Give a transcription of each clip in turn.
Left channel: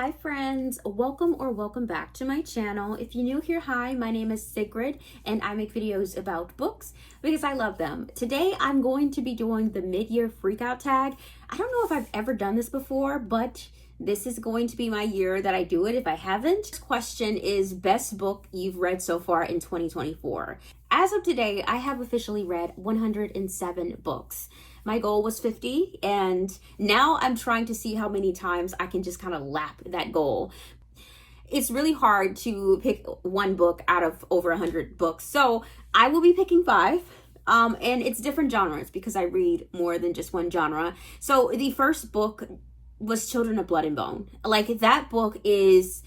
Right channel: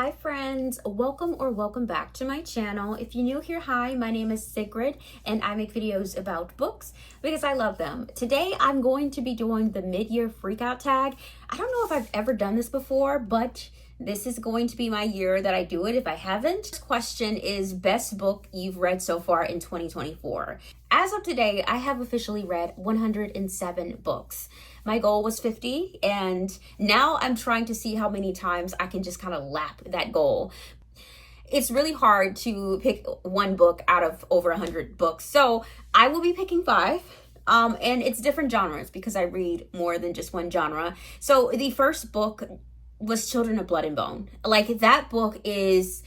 Hi friends, welcome back to my channel. If you're new here, hi, my name is Sigrid and I make videos about books because I love them. Today I'm going to be doing the mid-year freakout tag. I don't know if I've ever done this before, but this is going to be my year that I do it if I haven't. This question is best book you've read so far in 2024. As of today, I have officially read 107 books. My goal was 50, and now I'm trying to see how many times I can just kind of lap that goal. It's really hard to pick one book out of over 100 books, so I will be picking 5. And it's different genres because I read more than just one genre. So the first book was Children of Blood and Bone. Like, that book is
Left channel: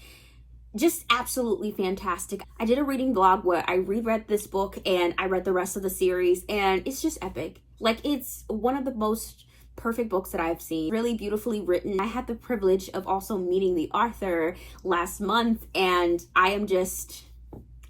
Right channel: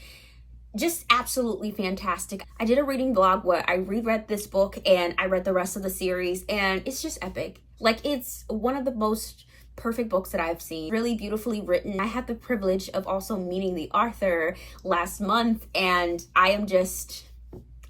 just absolutely fantastic. I did a reading vlog where I reread this book and I read the rest of the series, and it's just epic. Like, it's one of the most perfect books that I've seen. Really beautifully written. I had the privilege of also meeting the author last month, and I am just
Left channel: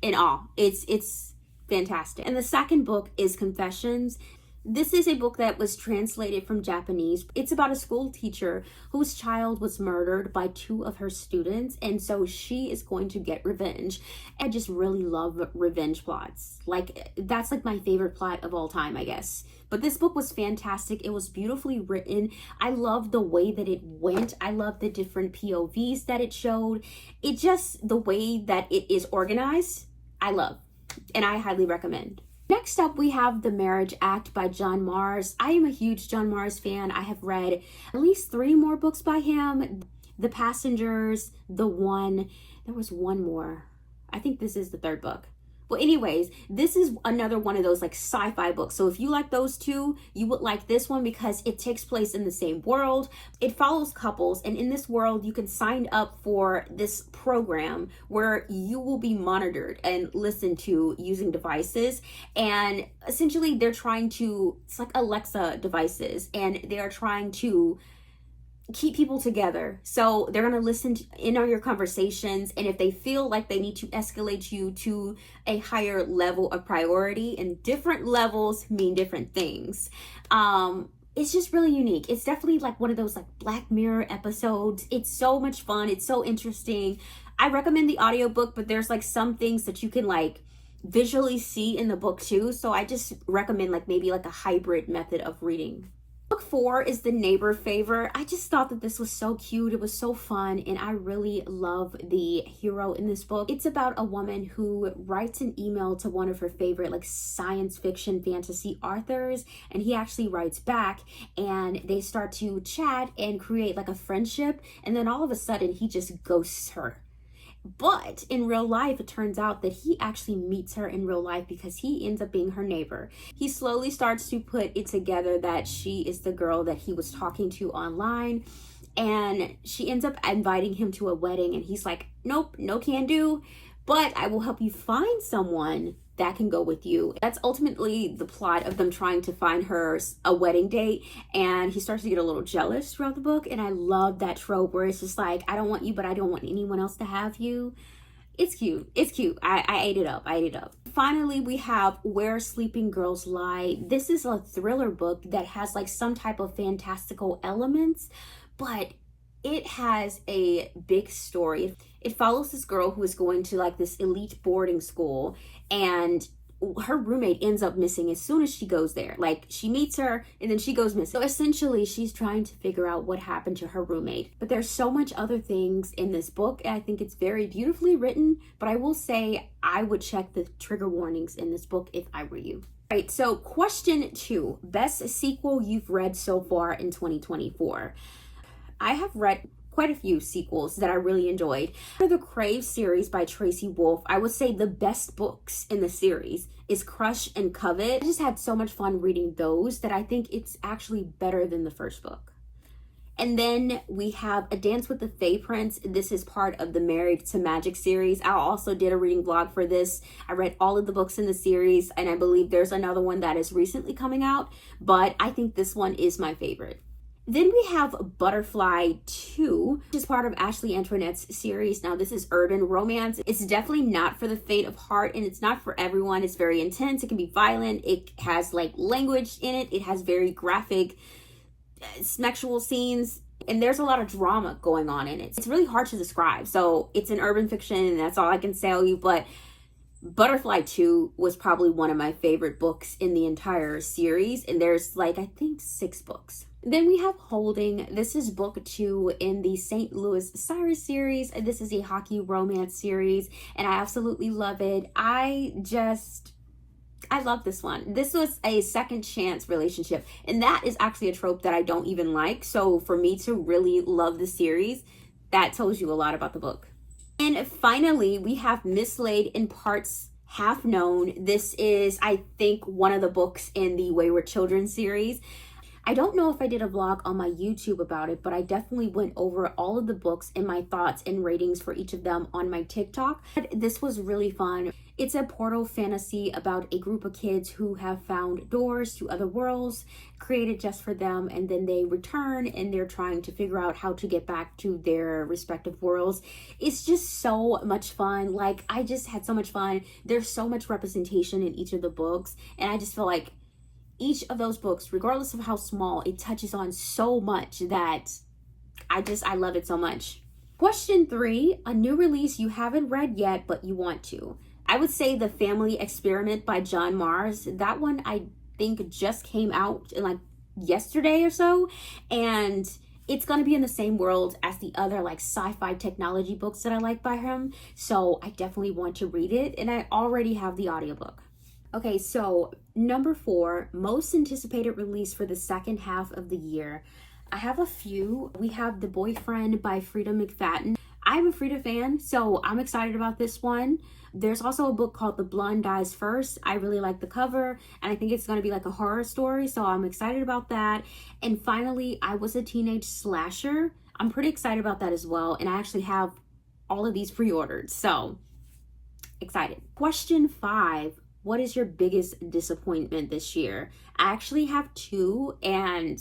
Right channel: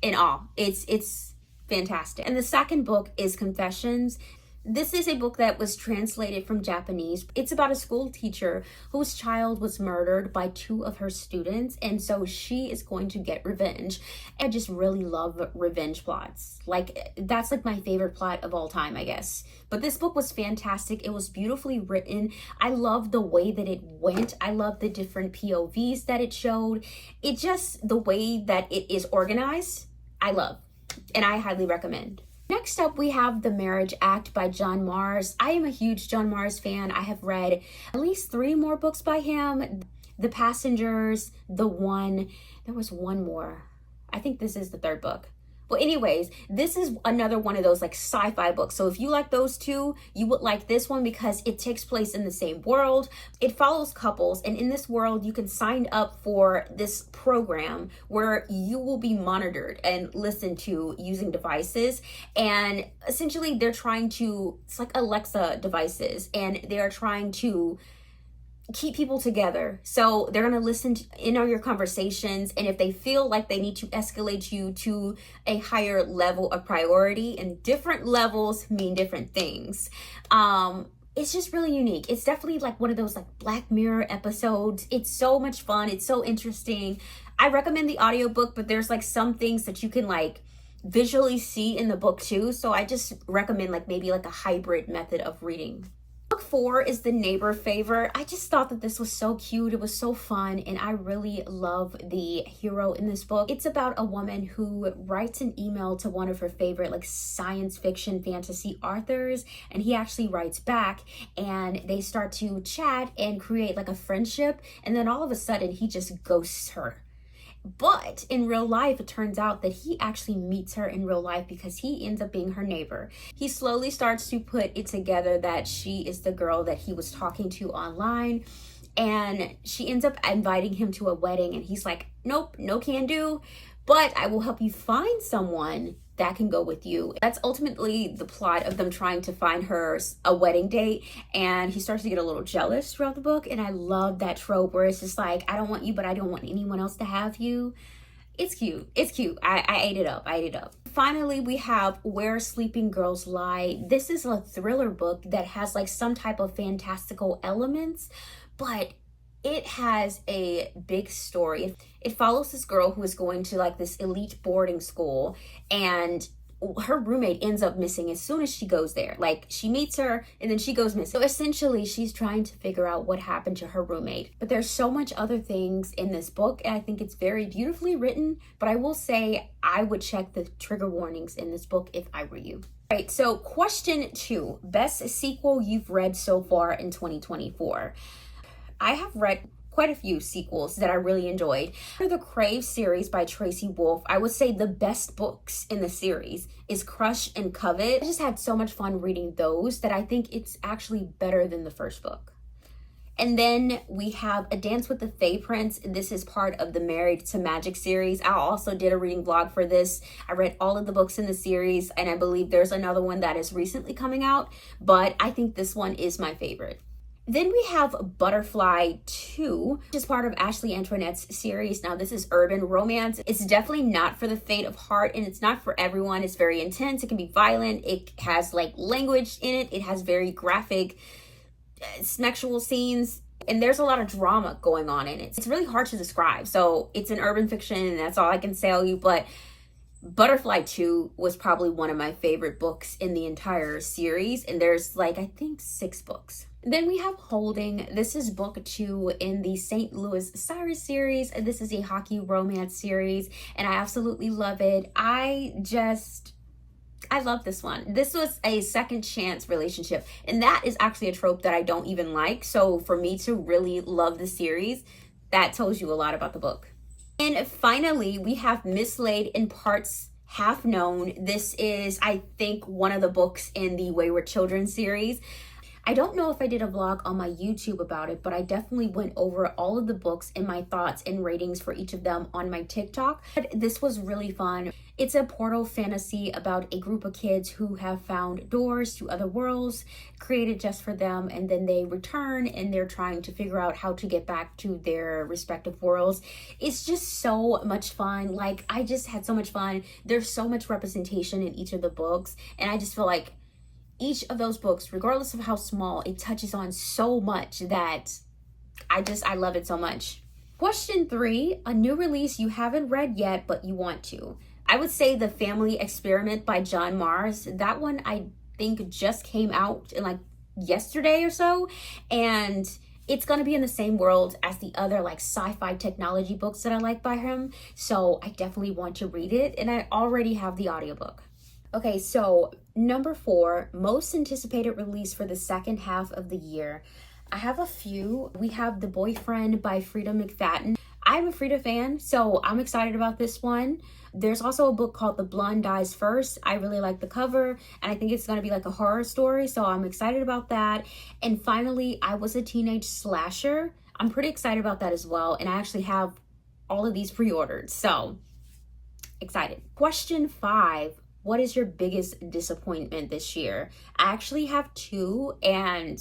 in awe. It's fantastic. And the second book is Confessions. This is a book that was translated from Japanese. It's about a school teacher whose child was murdered by 2 of her students, and so she is going to get revenge. I just really love revenge plots. Like, that's like my favorite plot of all time, I guess. But this book was fantastic. It was beautifully written. I love the way that it went. I love the different POVs that it showed. It just, the way that it is organized, I love, and I highly recommend. Next up, we have The Marriage Act by John Marrs. I am a huge John Marrs fan. I have read at least 3 more books by him. The Passengers, The One, there was one more. I think this is the 3rd book. Well, anyways, this is another one of those like sci-fi books. So if you like those 2, you would like this one because it takes place in the same world. It follows couples, and in this world, you can sign up for this program where you will be monitored and listened to using devices. And essentially, they're trying to, it's like Alexa devices, and they are trying to keep people together. So they're going to listen in on your conversations, and if they feel like they need to escalate you to a higher level of priority, and different levels mean different things. It's just really unique. It's definitely like one of those like Black Mirror episodes. It's so much fun. It's so interesting. I recommend the audiobook, but there's like some things that you can like visually see in the book too. So I just recommend like maybe like a hybrid method of reading. Book 4 is The Neighbor Favor. I just thought that this was so cute. It was so fun, and I really love the hero in this book. It's about a woman who writes an email to one of her favorite like science fiction fantasy authors, and he actually writes back, and they start to chat and create like a friendship, and then all of a sudden he just ghosts her. But in real life, it turns out that he actually meets her in real life because he ends up being her neighbor. He slowly starts to put it together that she is the girl that he was talking to online, and she ends up inviting him to a wedding, and he's like, nope, no can do, but I will help you find someone that can go with you. That's ultimately the plot of them trying to find her a wedding date, and he starts to get a little jealous throughout the book, and I love that trope where it's just like, I don't want you, but I don't want anyone else to have you. It's cute. It's cute. I ate it up. Finally, we have Where Sleeping Girls Lie. This is a thriller book that has like some type of fantastical elements, but it has a big story. It follows this girl who is going to like this elite boarding school, and her roommate ends up missing as soon as she goes there. Like, she meets her and then she goes missing. So essentially, she's trying to figure out what happened to her roommate. But there's so much other things in this book, and I think it's very beautifully written. But I will say I would check the trigger warnings in this book if I were you. All right, so question 2, best sequel you've read so far in 2024. I have read quite a few sequels that I really enjoyed. For the Crave series by Tracy Wolff, I would say the best books in the series is Crush and Covet. I just had so much fun reading those that I think it's actually better than the first book. And then we have A Dance with the Fae Prince. This is part of the Married to Magic series. I also did a reading vlog for this. I read all of the books in the series, and I believe there's another one that is recently coming out, but I think this one is my favorite. Then we have Butterfly 2, which is part of Ashley Antoinette's series. Now, this is urban romance. It's definitely not for the faint of heart, and it's not for everyone. It's very intense. It can be violent. It has like language in it. It has very graphic sexual scenes. And there's a lot of drama going on in it. It's really hard to describe. So it's an urban fiction, and that's all I can tell you. But Butterfly 2 was probably one of my favorite books in the entire series. And there's like, I think 6 books. Then we have Holding. This is book 2 in the St. Louis Cyrus series. And this is a hockey romance series. And I absolutely love it. I love this one. This was a second chance relationship. And that is actually a trope that I don't even like. So for me to really love the series, that tells you a lot about the book. And finally, we have Mislaid in Parts Half Known. This is, I think, one of the books in the Wayward Children series. I don't know if I did a vlog on my YouTube about it, but I definitely went over all of the books and my thoughts and ratings for each of them on my TikTok. This was really fun. It's a portal fantasy about a group of kids who have found doors to other worlds created just for them, and then they return and they're trying to figure out how to get back to their respective worlds. It's just so much fun. Like, I just had so much fun. There's so much representation in each of the books, and I just feel like each of those books, regardless of how small, it touches on so much that I love it so much. Question 3, a new release you haven't read yet, but you want to. I would say The Family Experiment by John Mars. That one I think just came out in like yesterday or so, and it's going to be in the same world as the other like sci-fi technology books that I like by him. So I definitely want to read it, and I already have the audiobook. Okay, so number 4, most anticipated release for the second half of the year. I have a few. We have The Boyfriend by Frida McFadden. I'm a Frida fan, so I'm excited about this one. There's also a book called The Blonde Dies First. I really like the cover, and I think it's going to be like a horror story, so I'm excited about that. And finally, I Was a Teenage Slasher. I'm pretty excited about that as well, and I actually have all of these pre-ordered, so excited. Question 5. What is your biggest disappointment this year? I actually have 2, and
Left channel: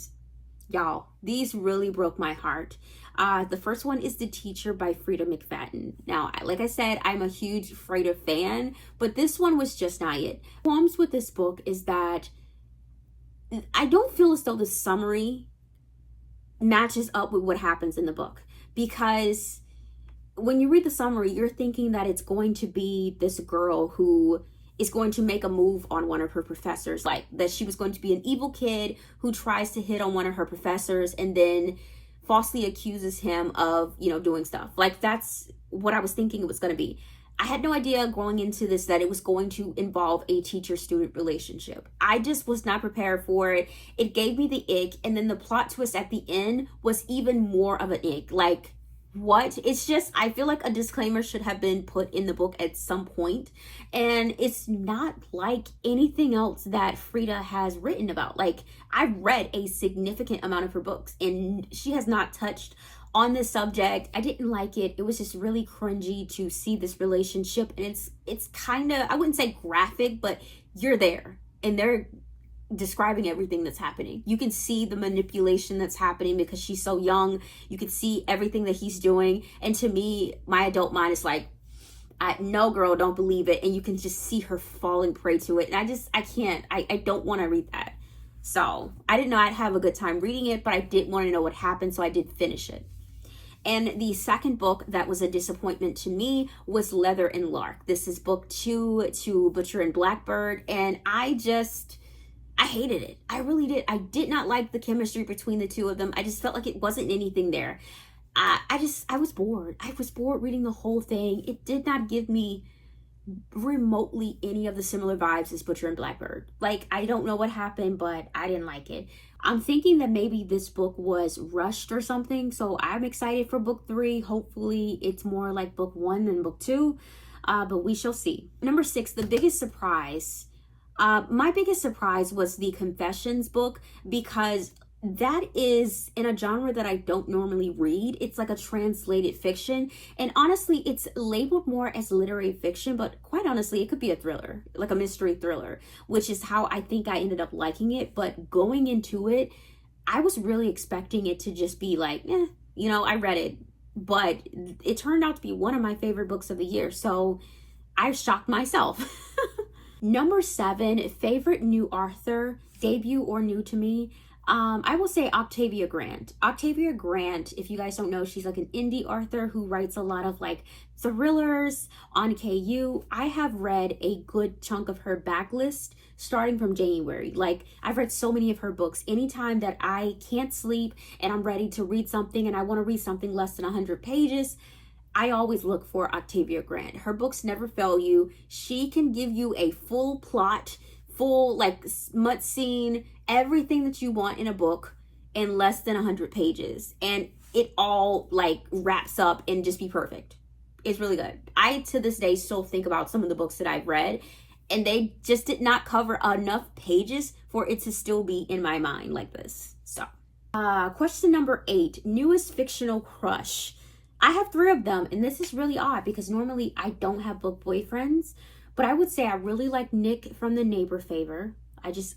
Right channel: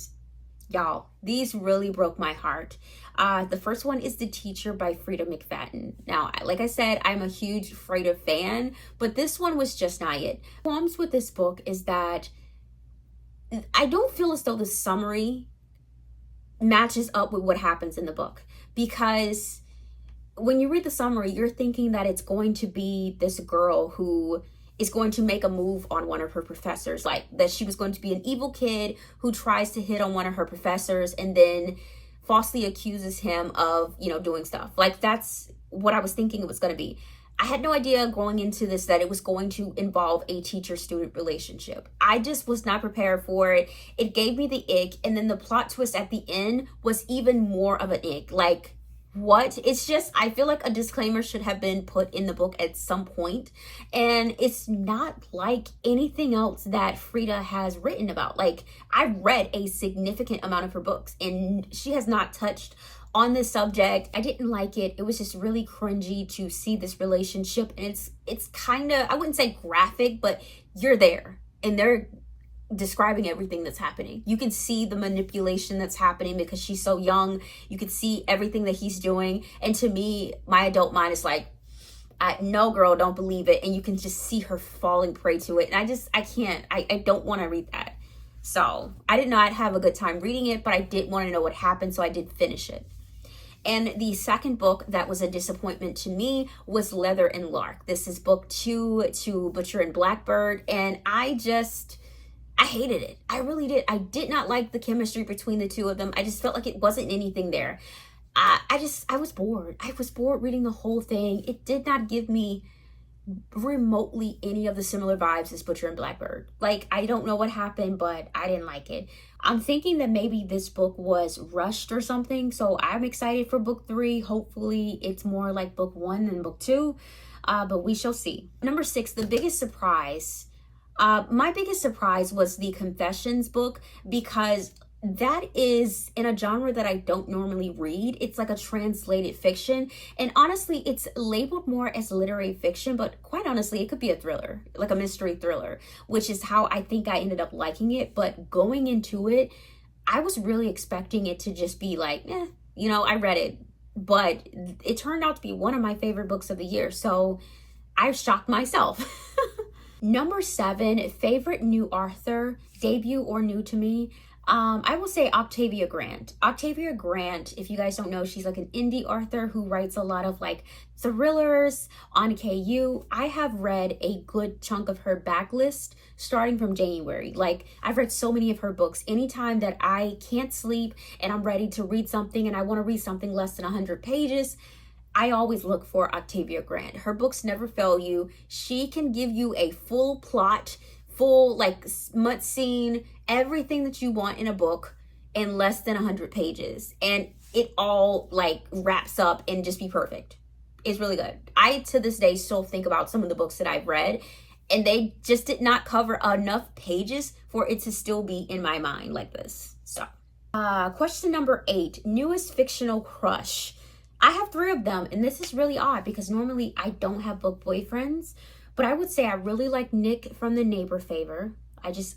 y'all, these really broke my heart. The first one is The Teacher by Frida McFadden. Now, like I said, I'm a huge Frida fan, but this one was just not it. The problems with this book is that I don't feel as though the summary matches up with what happens in the book, because when you read the summary, you're thinking that it's going to be this girl who is going to make a move on one of her professors, like that she was going to be an evil kid who tries to hit on one of her professors and then falsely accuses him of, doing stuff. Like, that's what I was thinking it was going to be. I had no idea going into this that it was going to involve a teacher-student relationship. I just was not prepared for it. It gave me the ick, and then the plot twist at the end was even more of an ick. Like, what? It's just, I feel like a disclaimer should have been put in the book at some point, and it's not like anything else that Frida has written about. Like, I've read a significant amount of her books, and she has not touched on this subject. I didn't like it. It was just really cringy to see this relationship, and it's kind of, I wouldn't say graphic, but you're there, and they're describing everything that's happening. You can see the manipulation that's happening because she's so young. You can see everything that he's doing, and to me, my adult mind is like, no girl, don't believe it. And you can just see her falling prey to it, and I don't want to read that. So I did not have a good time reading it, but I did want to know what happened, so I did finish it. And the second book that was a disappointment to me was Leather and Lark. This is book 2 to Butcher and Blackbird, and I hated it. I really did. I did not like the chemistry between the two of them. I just felt like it wasn't anything there. I was bored. I was bored reading the whole thing. It did not give me remotely any of the similar vibes as Butcher and Blackbird. Like, I don't know what happened, but I didn't like it. I'm thinking that maybe this book was rushed or something, so I'm excited for book 3. Hopefully it's more like book 1 than book 2, but we shall see. Number 6, the biggest surprise. My biggest surprise was the Confessions book, because that is in a genre that I don't normally read. It's like a translated fiction, and honestly, it's labeled more as literary fiction, but quite honestly, it could be a thriller, like a mystery thriller, which is how I think I ended up liking it. But going into it, I was really expecting it to just be like, I read it, but it turned out to be one of my favorite books of the year, so I've shocked myself. Number 7, favorite new author, debut or new to me. I will say Octavia Grant. Octavia Grant, if you guys don't know, she's like an indie author who writes a lot of like thrillers on KU. I have read a good chunk of her backlist starting from January. Like, I've read so many of her books. Anytime that I can't sleep and I'm ready to read something and I want to read something less than 100 pages, I always look for Octavia Grant. Her books never fail you. She can give you a full plot, full like smut scene, everything that you want in a book in less than 100 pages. And it all like wraps up and just be perfect. It's really good. I, to this day, still think about some of the books that I've read, and they just did not cover enough pages for it to still be in my mind like this. So, question number 8, newest fictional crush. I have 3 of them, and this is really odd because normally I don't have book boyfriends, but I would say I really like Nick from The Neighbor Favor.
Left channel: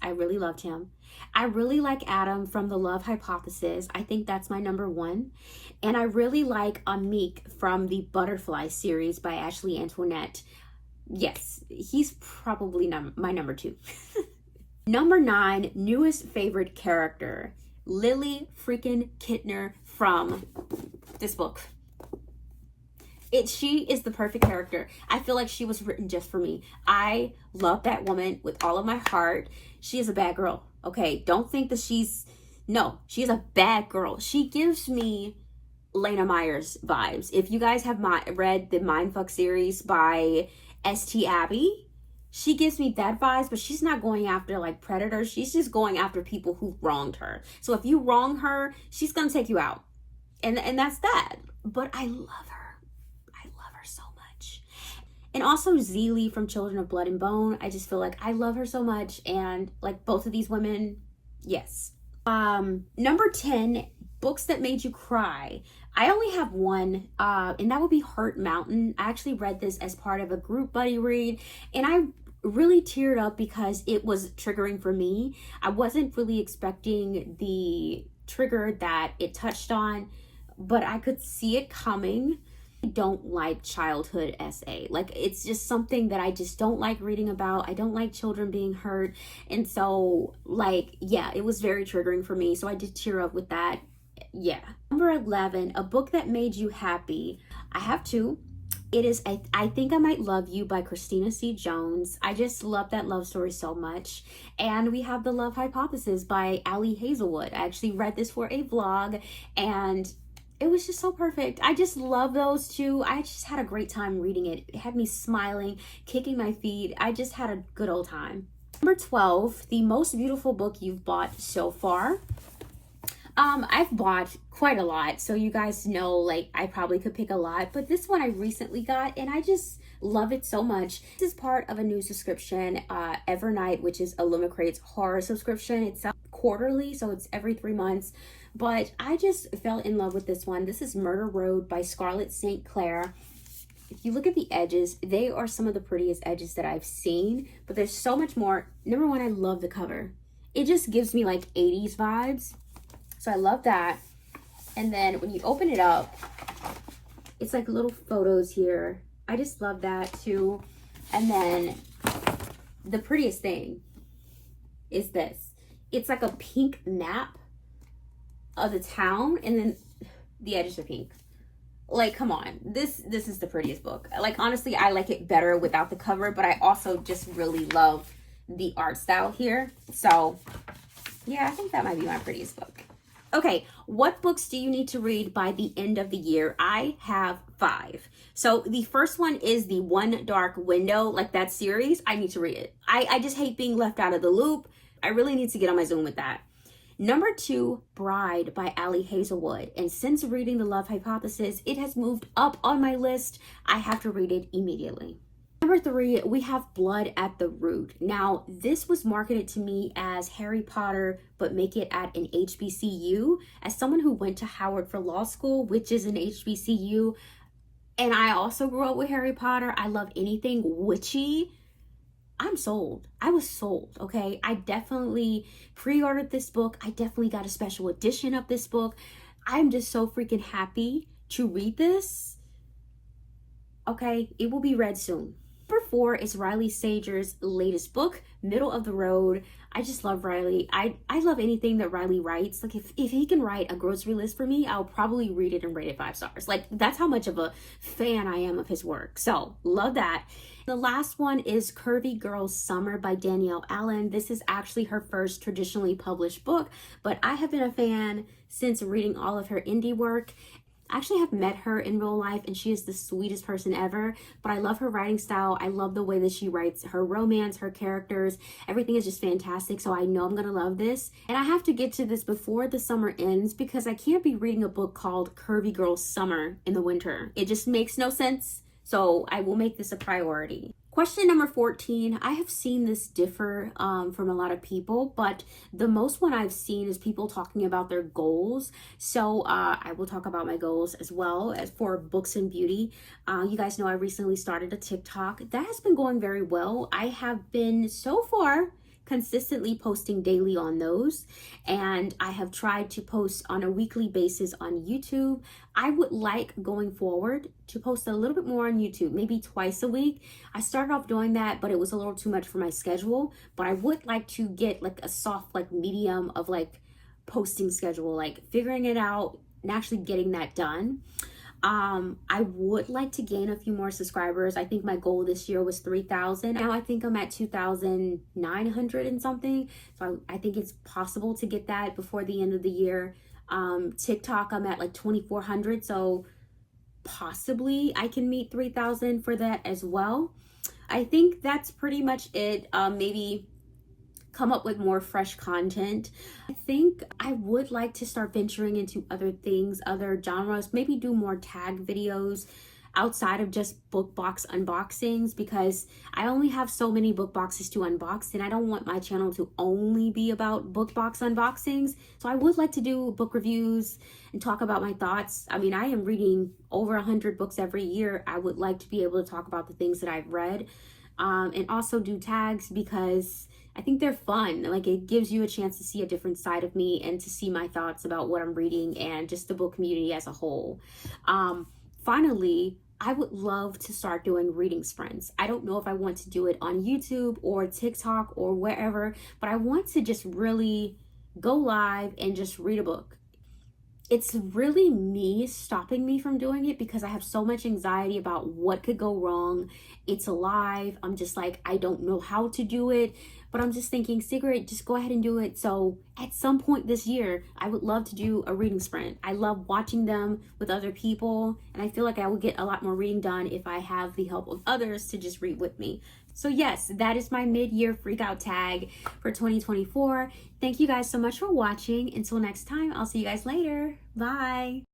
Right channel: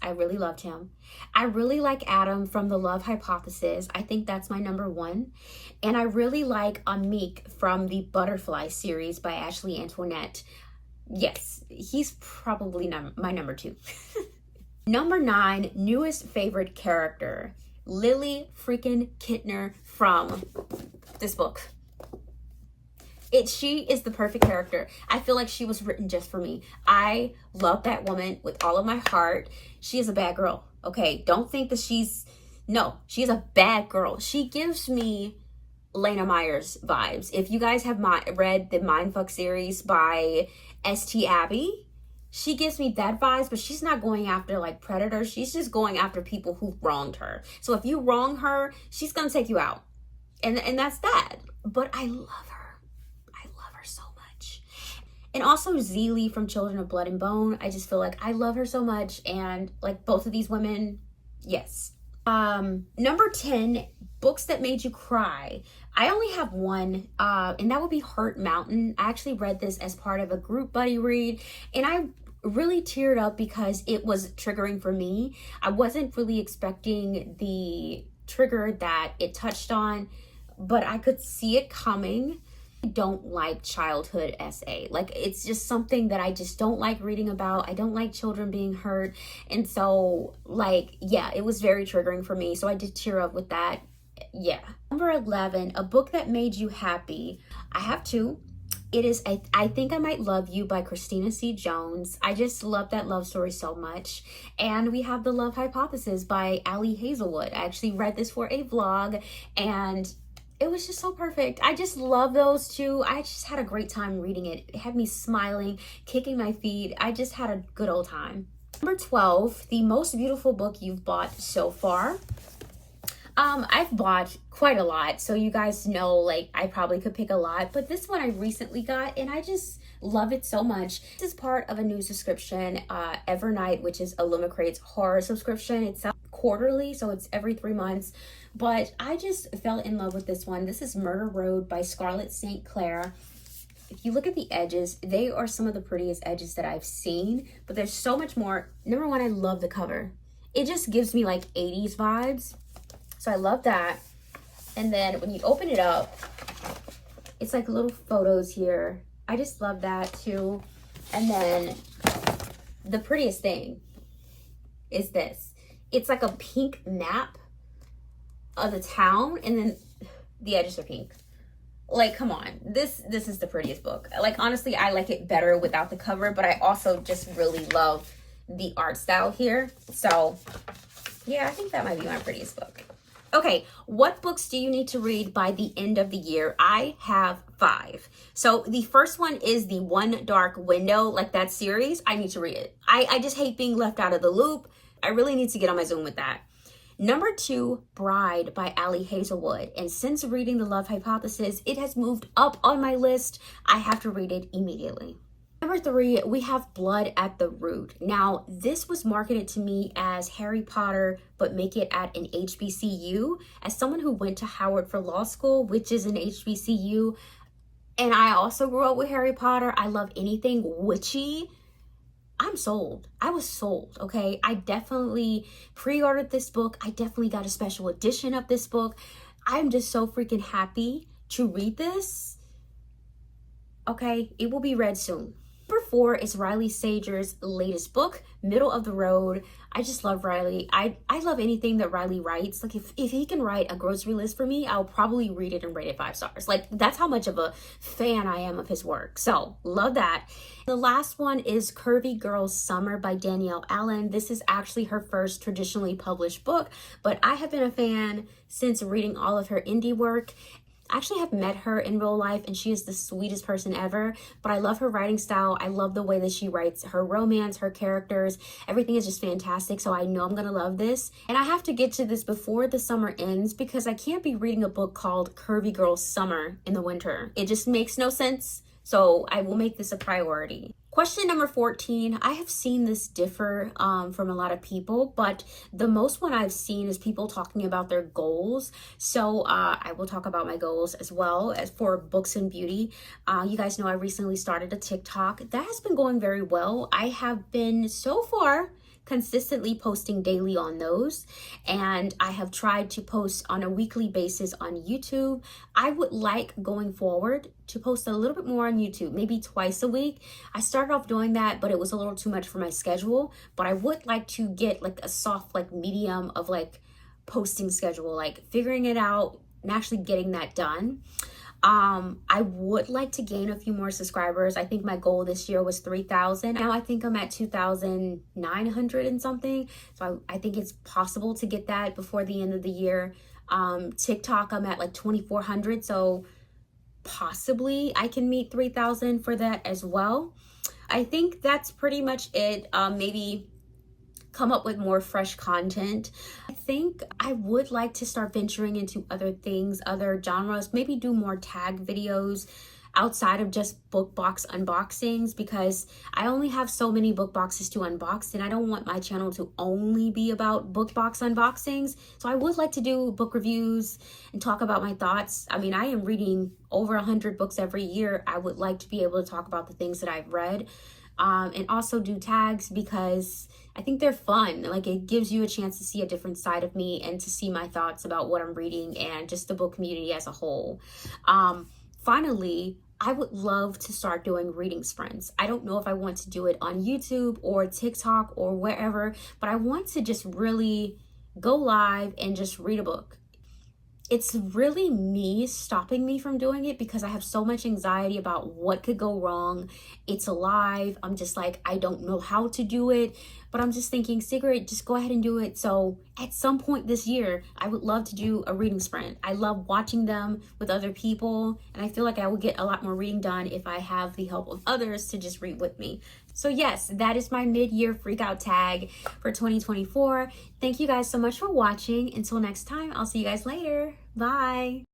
I really loved him. I really like Adam from The Love Hypothesis. I think that's my number 1. And I really like Amik from the Butterfly series by Ashley Antoinette. Yes, he's probably my number 2. Number 9, newest favorite character. Lily freaking Kintner from this book. She is the perfect character. I feel like she was written just for me. I love that woman with all of my heart. She is a bad girl, okay? Don't think that no, she's a bad girl. She gives me Lena Meyers vibes. If you guys have read the Mindfuck series by S.T. Abbey, she gives me that vibes, but she's not going after like predators. She's just going after people who wronged her. So if you wrong her, she's gonna take you out. And that's that. But I love her. So much. And also Zeely from Children of Blood and Bone. I just feel like I love her so much, and like both of these women, yes. Number 10, books that made you cry. I only have one, and that would be Hurt Mountain. I actually read this as part of a group buddy read, and I really teared up because it was triggering for me. I wasn't really expecting the trigger that it touched on, but I could see it coming. I don't like childhood essay. Like, it's just something that I just don't like reading about. I don't like children being hurt. And so, like, yeah, it was very triggering for me. So I did tear up with that. Yeah. Number 11, a book that made you happy. I have 2. It is I Think I Might Love You by Christina C. Jones. I just love that love story so much. And we have The Love Hypothesis by Ali Hazelwood. I actually read this for a vlog, and it was just so perfect. I just love those 2. I just had a great time reading it. It had me smiling, kicking my feet. I just had a good old time. Number 12, the most beautiful book you've bought so far. I've bought quite a lot, so you guys know, like, I probably could pick a lot, but this one I recently got, and I just love it so much. This is part of a new subscription, Evernight, which is Illumicrate's horror subscription. It's quarterly, so it's every 3 months. But I just fell in love with this one. This is Murder Road by Scarlett St. Clair. If you look at the edges, they are some of the prettiest edges that I've seen, but there's so much more. Number 1, I love the cover. It just gives me like 80s vibes. So I love that. And then when you open it up, it's like little photos here. I just love that too. And then the prettiest thing is this. It's like a pink map of the town, and then the edges are pink. Like, come on, this is the prettiest book. Like, honestly, I like it better without the cover, but I also just really love the art style here. So yeah, I think that might be my prettiest book. Okay, what books do you need to read by the end of the year? I have 5. So the first one is the One Dark Window, like that series. I need to read it. I just hate being left out of the loop. I really need to get on my Zoom with that. Number 2, Bride by Ali Hazelwood. And since reading The Love Hypothesis, it has moved up on my list. I have to read it immediately. Number 3, we have Blood at the Root. Now, this was marketed to me as Harry Potter, but make it at an HBCU. As someone who went to Howard for law school, which is an HBCU, and I also grew up with Harry Potter, I love anything witchy. I'm sold. I was sold, okay? I definitely pre-ordered this book. I definitely got a special edition of this book. I'm just so freaking happy to read this. Okay, it will be read soon. Number 4 is Riley Sager's latest book, Middle of the Road. I just love Riley. I love anything that Riley writes. Like if he can write a grocery list for me, I'll probably read it and rate it 5 stars. Like that's how much of a fan I am of his work. So love that. The last one is Curvy Girl Summer by Danielle Allen. This is actually her first traditionally published book, but I have been a fan since reading all of her indie work. I actually have met her in real life and she is the sweetest person ever, but I love her writing style. I love the way that she writes her romance, her characters, everything is just fantastic. So I know I'm gonna love this. And I have to get to this before the summer ends because I can't be reading a book called Curvy Girl Summer in the winter. It just makes no sense. So I will make this a priority. Question number 14, I have seen this differ from a lot of people, but the most one I've seen is people talking about their goals. So I will talk about my goals as well as for books and beauty. You guys know I recently started a TikTok. That has been going very well. I have been so far consistently posting daily on those, and I have tried to post on a weekly basis on YouTube. I would like going forward to post a little bit more on YouTube, maybe twice a week. I started off doing that, but it was a little too much for my schedule, but I would like to get like a soft like medium of like posting schedule, like figuring it out and actually getting that done. I would like to gain a few more subscribers. I think my goal this year was 3,000. Now I think I'm at 2,900 and something. So I think it's possible to get that before the end of the year. TikTok, I'm at like 2,400. So possibly I can meet 3,000 for that as well. I think that's pretty much it. Maybe come up with more fresh content. I think I would like to start venturing into other things, other genres, maybe do more tag videos outside of just book box unboxings, because I only have so many book boxes to unbox and I don't want my channel to only be about book box unboxings. So I would like to do book reviews and talk about my thoughts. I mean, I am reading over 100 books every year. I would like to be able to talk about the things that I've read, and also do tags because I think they're fun. Like it gives you a chance to see a different side of me and to see my thoughts about what I'm reading and just the book community as a whole. Finally, I would love to start doing reading sprints. I don't know if I want to do it on YouTube or TikTok or wherever, but I want to just really go live and just read a book. It's really me stopping me from doing it because I have so much anxiety about what could go wrong. It's live. I'm just like, I don't know how to do it, but I'm just thinking, Sigrid, just go ahead and do it. So at some point this year, I would love to do a reading sprint. I love watching them with other people, and I feel like I will get a lot more reading done if I have the help of others to just read with me. So yes, that is my mid-year freakout tag for 2024. Thank you guys so much for watching. Until next time, I'll see you guys later. Bye.